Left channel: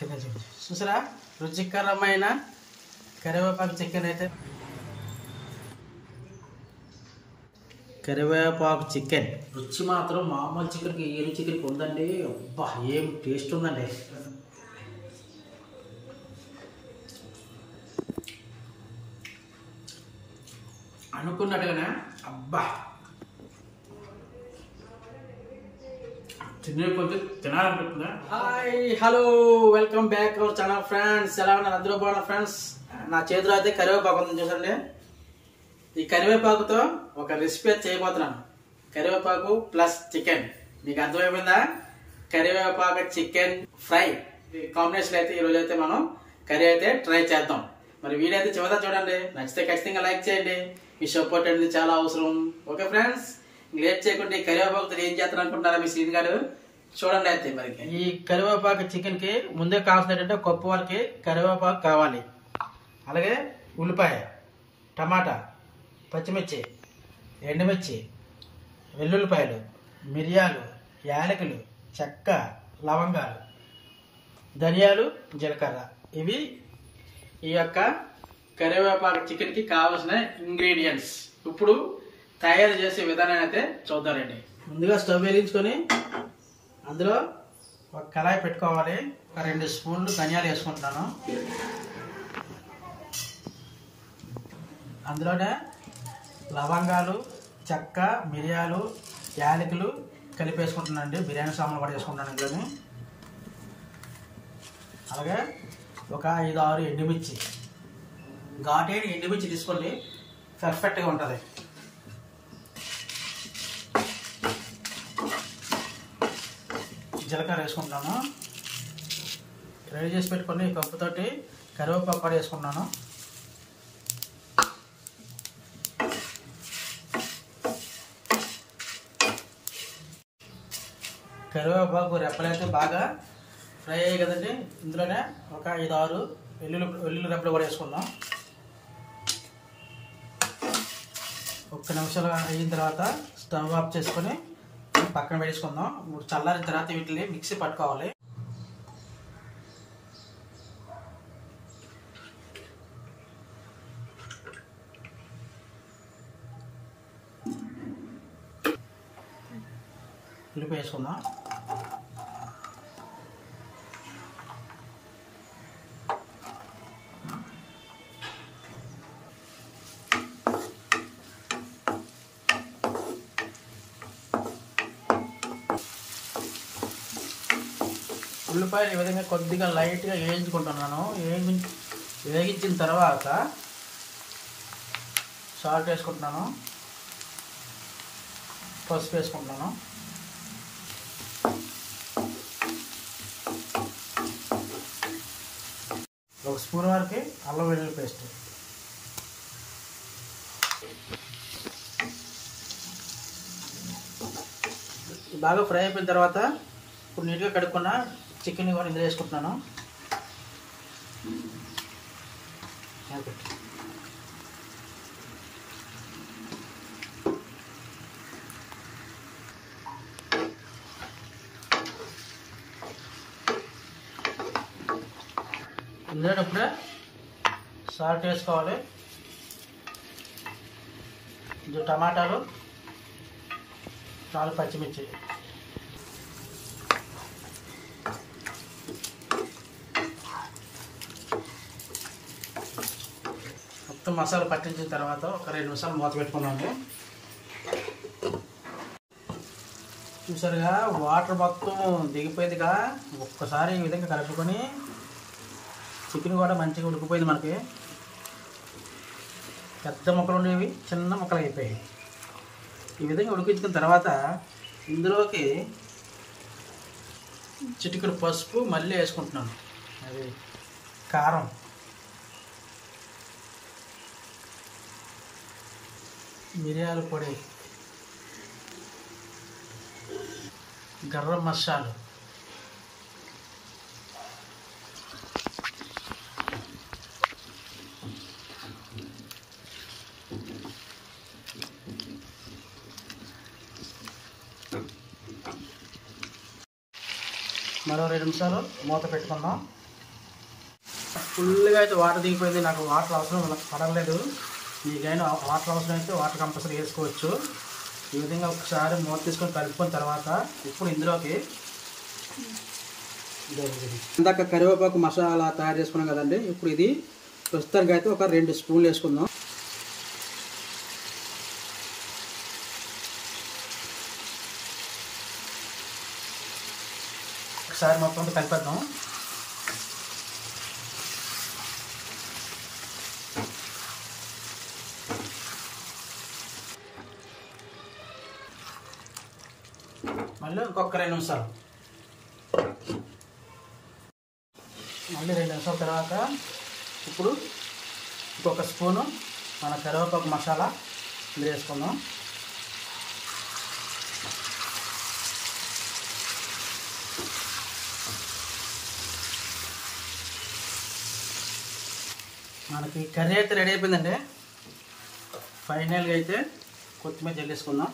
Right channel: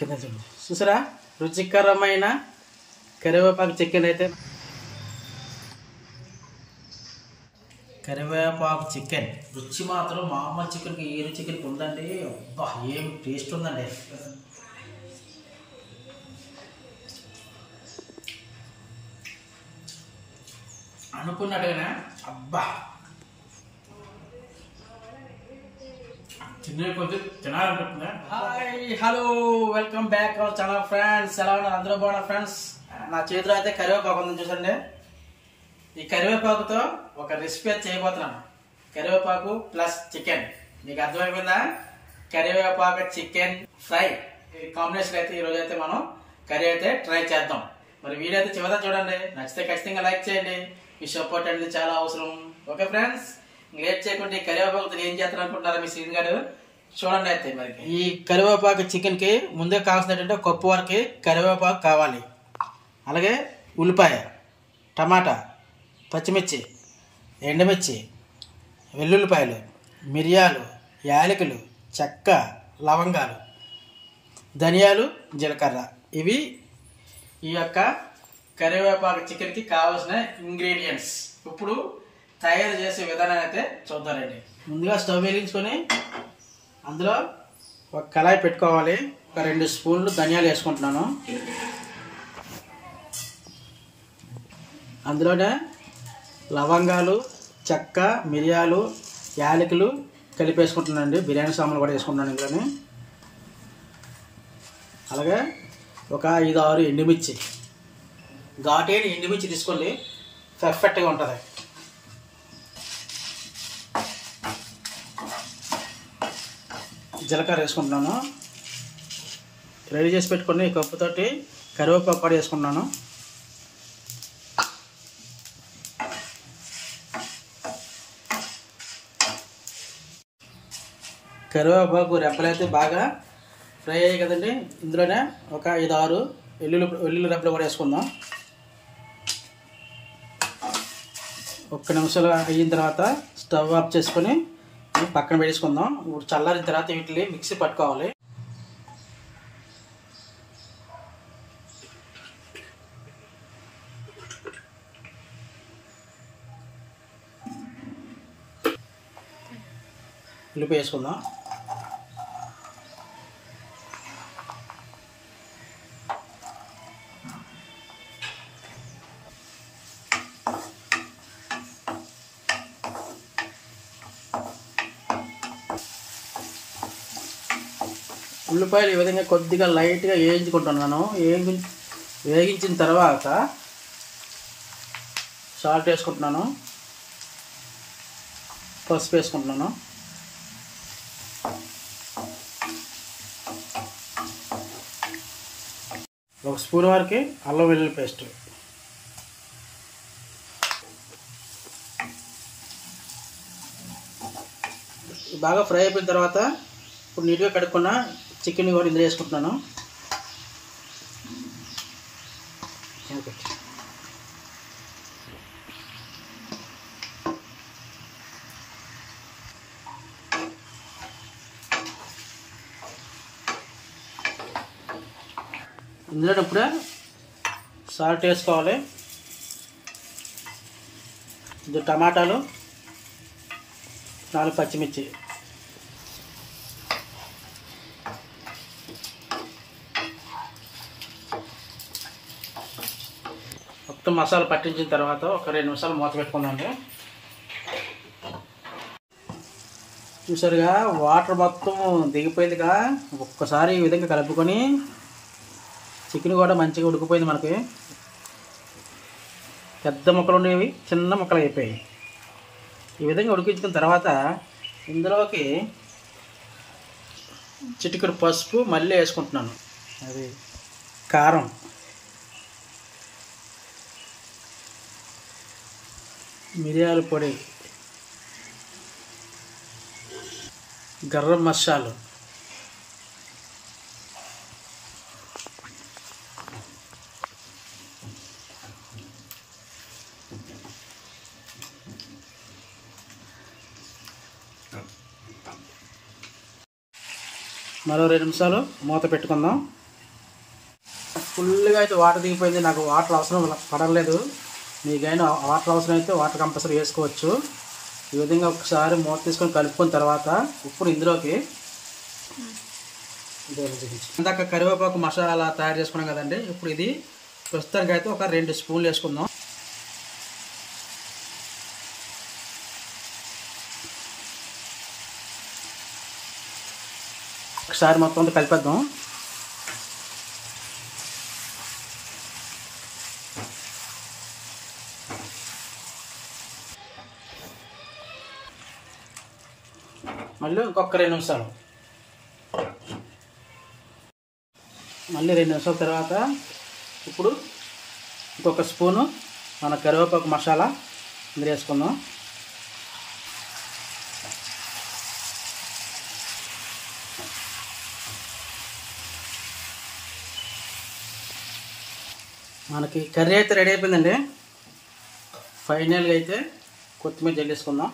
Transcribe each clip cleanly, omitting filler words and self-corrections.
కింద చూసారా రుచికరమైన కరివేపాకు చికెన్ అయితే కరివేపాకు చికెన్ రుచి మాత్రం మామూలు చికెన్కి ఏరు చికెన్కి ఉందండి. అబ్బా ఏం టేస్ట్ ఉందండి. అనుకున్నట్టుగానే అబ్బా తినే కొద్ది తినాలనిపిస్తుందా. Hi hello welcome back our channel friends. ఎలా ఉన్నారు? అందరూ బాగున్నారు ఫ్రెండ్స్. నా చేతిలో అయితే కరివేపాకు ఉందని చూసండి. ఈ కరివేపాకుతో ఒక రెసిపీ చేయబోతున్నాను. కరివేపాకు ప్లస్ చికెన్. మీకు అర్థమైపోయిందా? కరివేపాకు చికెన్ ఫ్రై కాంబినేషన్ అయితే ఈరోజు అయితే మనం కర్రీ అయితే ట్రై చేద్దాం. మరి వీడియో అయితే చివరిదా చూడండి. నచ్చితే ఖచ్చితంగా లైక్ చేయండి. మీ సపోర్ట్ అనేది చాలా అవసరం. ఓకే ఫ్రెండ్స్, లేట్ చేయకుండా ఈ కరివేపాకుతో ఏం చేస్తారు అనుకుంటున్నారా మీ సీన్ గారు? చూడండి. అయితే మరి ఈ కరివేపాకు చికెన్ కి ముందే కావాల్సినటువంటి కప్పు వరకు కరివేపాకు కావాలి. అలాగే ఉల్లిపాయ, టమాటా, పచ్చిమిర్చి, ఎండుమిర్చి, వెల్లుల్లిపాయలు, మిరియాలు, యాలకులు, చెక్క, లవంగాలు, ధనియాలు, జీలకర్ర. ఇవి ఈ యొక్క కరివేపాకు చికెన్కి కావాల్సిన ఇంగ్రీడియంట్స్. ఇప్పుడు తయారు చేసే విధానం అయితే చూద్దారండి. ముందుగా స్టవ్ వెలిగించుకొని అందులో ఒక కళాయి పెట్టుకోవాలి. ఒక 2 స్పూన్లు ధనియాలు వేసుకుంటున్నాను. అందులోనే లవంగాలు, చెక్క, మిరియాలు, యాలకులు కలిపేసుకుంటున్నానండి. బిర్యానీ సామాన్లు కూడా వేసుకుంటున్నాను ఇందులోని. అలాగే ఒక 5-6 ఎండుమిర్చి, ఘాటైన ఎండుమిర్చి తీసుకోండి, పర్ఫెక్ట్గా ఉంటుంది. జీలకర్ర వేసుకుంటున్నాను. రెడీ చేసి పెట్టుకుని ఈ కప్పుతోటి కరివేపాకు కూడా వేసుకుంటున్నాను. కరివేపాకు రెప్పలైతే బాగా ఫ్రై అయ్యాయి కదండి. ఇందులోనే ఒక 5-6 వెల్లుల్లి రెప్పలు కూడా వేసుకుందాం. 1 నిమిషాలు అయిన తర్వాత స్టవ్ ఆఫ్ చేసుకొని పక్కన పెట్టేసుకుందాం. చల్లారిన తర్వాత వీటిని మిక్సీ పట్టుకోవాలి. ఉల్లిపాయ వేసుకుందాం. ఉల్లిపాయలు ఈ విధంగా కొద్దిగా లైట్గా వేయించుకుంటున్నాను. వేగించిన తర్వాత సాల్ట్ వేసుకుంటున్నాను, పసుపు వేసుకుంటున్నాను, ఒక స్పూన్ వరకు అల్లం వెల్లుల్లి పేస్ట్, బాగా ఫ్రై అయిపోయిన తర్వాత ఇప్పుడు నీట్గా కడుక్కున్న చికెన్ కూడా ఇందులో వేసుకుంటున్నాను. ఇందులో ఇప్పుడే సాల్ట్ వేసుకోవాలి. ఇది టమాటాలు, 4 పచ్చిమిర్చి, మొత్తం మసాలా పట్టించిన తర్వాత ఒక 2 నిమిషాలు మూత పెట్టుకుందాండి. చూసారుగా వాటర్ మొత్తం దిగిపోయిందిగా. ఒక్కసారి ఈ విధంగా కలుపుకొని చికెన్ కూడా మంచిగా ఉడికిపోయింది. మనకి పెద్ద ముక్కలు ఉండేవి చిన్న ముక్కలు అయిపోయాయి. ఈ విధంగా ఉడికించిన తర్వాత ఇందులోకి చిటికెడు పసుపు మళ్ళీ వేసుకుంటున్నాను. అది కారం, మిరియాల పొడి, గరం మసాలా, మరో 2 నిమిషాలు మూత పెట్టుకుందాం. ఫుల్గా అయితే వాటర్ దిగిపోయింది. నాకు వాటర్ అవసరం పడలేదు. మీకైనా వాటర్ అవసరం అయితే వాటర్ కంపల్సరీ వేసుకోవచ్చు. ఈ విధంగా ఒకసారి మూత తీసుకొని కలుపుకున్న తర్వాత ఇప్పుడు ఇందులోకి ఇందాక కరివేపాకు మసాలా తయారు చేసుకున్నాం కదండి. ఇప్పుడు ఇది ప్రస్తుతానికి అయితే ఒక 2 స్పూన్లు వేసుకుందాం. ఒకసారి మొత్తం కలిపేద్దాం. మళ్ళీ ఇంకొక 2 నిమిషాలు, మళ్ళీ 2 నిమిషాల తర్వాత ఇప్పుడు ఇంకొక స్పూను మన కరివేపాకు మసాలా ఇందులో వేసుకుందాం. మనకి కర్రీ అయితే రెడీ అయిపోయిందండి. ఫైనల్గా అయితే కొత్తిమీర జల్లేసుకుందాం.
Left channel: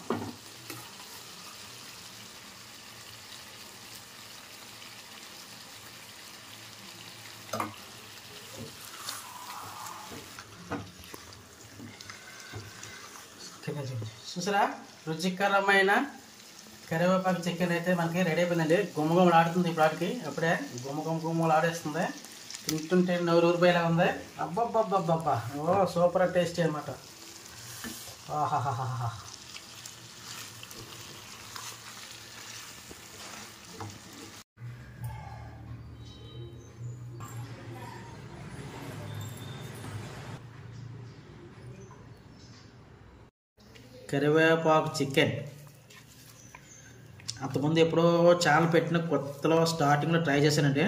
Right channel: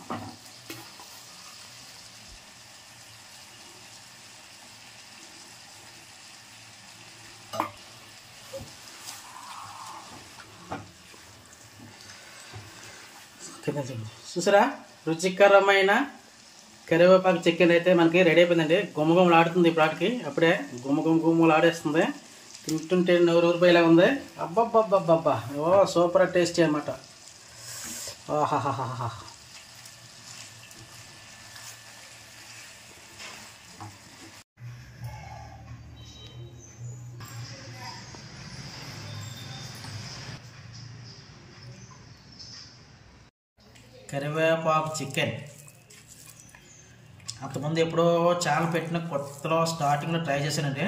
చూసారా, రుచికరమైన కరివేపాకు చికెన్ అయితే మనకి రెడీ అయిపోయిందండి. గుమ్మగుమ్మలు ఆడుతుంది ఇప్పటికి, అప్పుడే గుమ్మగుమ్మలు ఆడేస్తుంది. తింటుంటే నూరు రూపాయలా ఉంది. అబ్బబ్బబ్బబ్బబ్బా, ఓ సూపర్ టేస్టీ అనమాట. ఆహాహాహా. కరివేపాకు చికెన్ అంతకుముందు ఎప్పుడో చాలా పెట్టిన కొత్తలో స్టార్టింగ్లో ట్రై చేశానండి.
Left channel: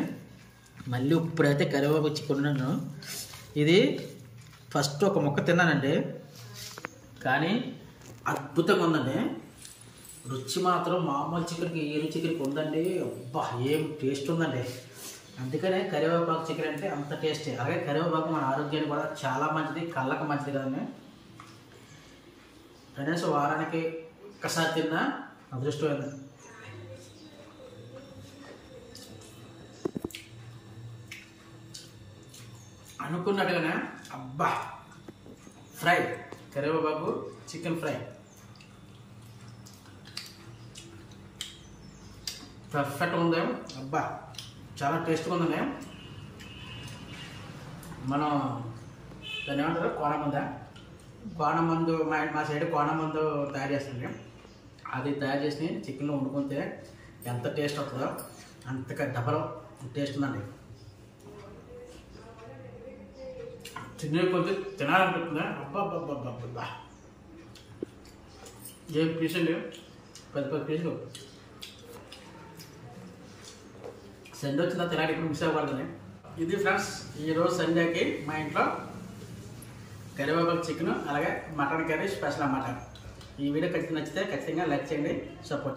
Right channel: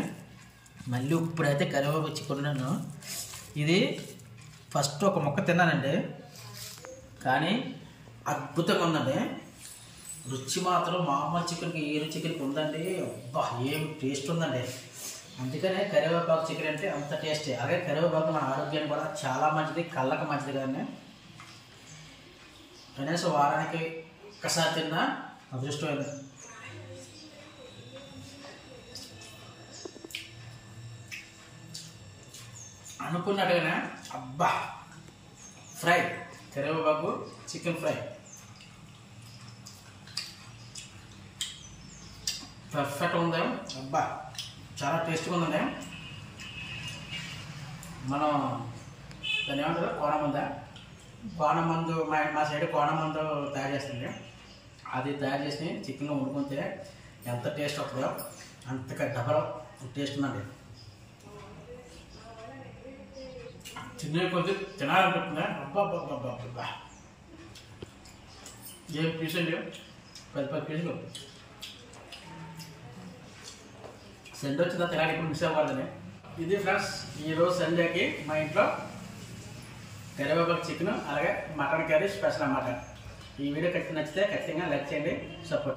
మళ్ళీ ఇప్పుడైతే కరివేపాకు చికెన్ ఉన్నాను. ఇది ఫస్ట్ ఒక ముక్క తిన్నానండి, కానీ అద్భుతంగా ఉందండి. రుచి మాత్రం మామూలు చికెన్కి ఈ చికెన్కి ఉందండి. అబ్బా, ఏం టేస్ట్ ఉందండి. అందుకనే కరివేపాకు చికెన్ అంటే అంత టేస్టీ. అలాగే కరివేపాకు మన ఆరోగ్యానికి కూడా చాలా మంచిది, కళ్ళకు మంచిది కదండి. కనీసం వారానికి ఒక్కసారి తిన్నా అదృష్టమైంది. అనుకున్నట్టుగానే అబ్బా, ఫ్రై కరివేపాకు చికెన్ ఫ్రై పర్ఫెక్ట్ ఉంది. అబ్బా, చాలా టేస్ట్గా ఉందండి. మనం దాన్ని ఏమంటారు, కోనమందు మా సైడ్ కోనమందు తయారు చేస్తుంది. అది తయారు చేసి చికెన్లో వండుకుంటే ఎంత టేస్ట్ వస్తుందో అంతగా డబల్ టేస్ట్ ఉందండి. చిన్న కొద్ది తినాలనిపిస్తుంది. అబ్బా, ఏం పీసులు, 10 పీసులు. సండే వచ్చిందా తినాలి, ఇప్పుడు మిస్ అవ్వకూడదని. ఇది ఫ్రెండ్స్, ఈరోజు సండేకి మా ఇంట్లో కరివేపాకు చికెన్ అలాగే మటన్ కర్రీ స్పెషల్ అన్నమాట. ఈ వీడియో నచ్చితే ఖచ్చితంగా లైక్ చేయండి, సపోర్ట్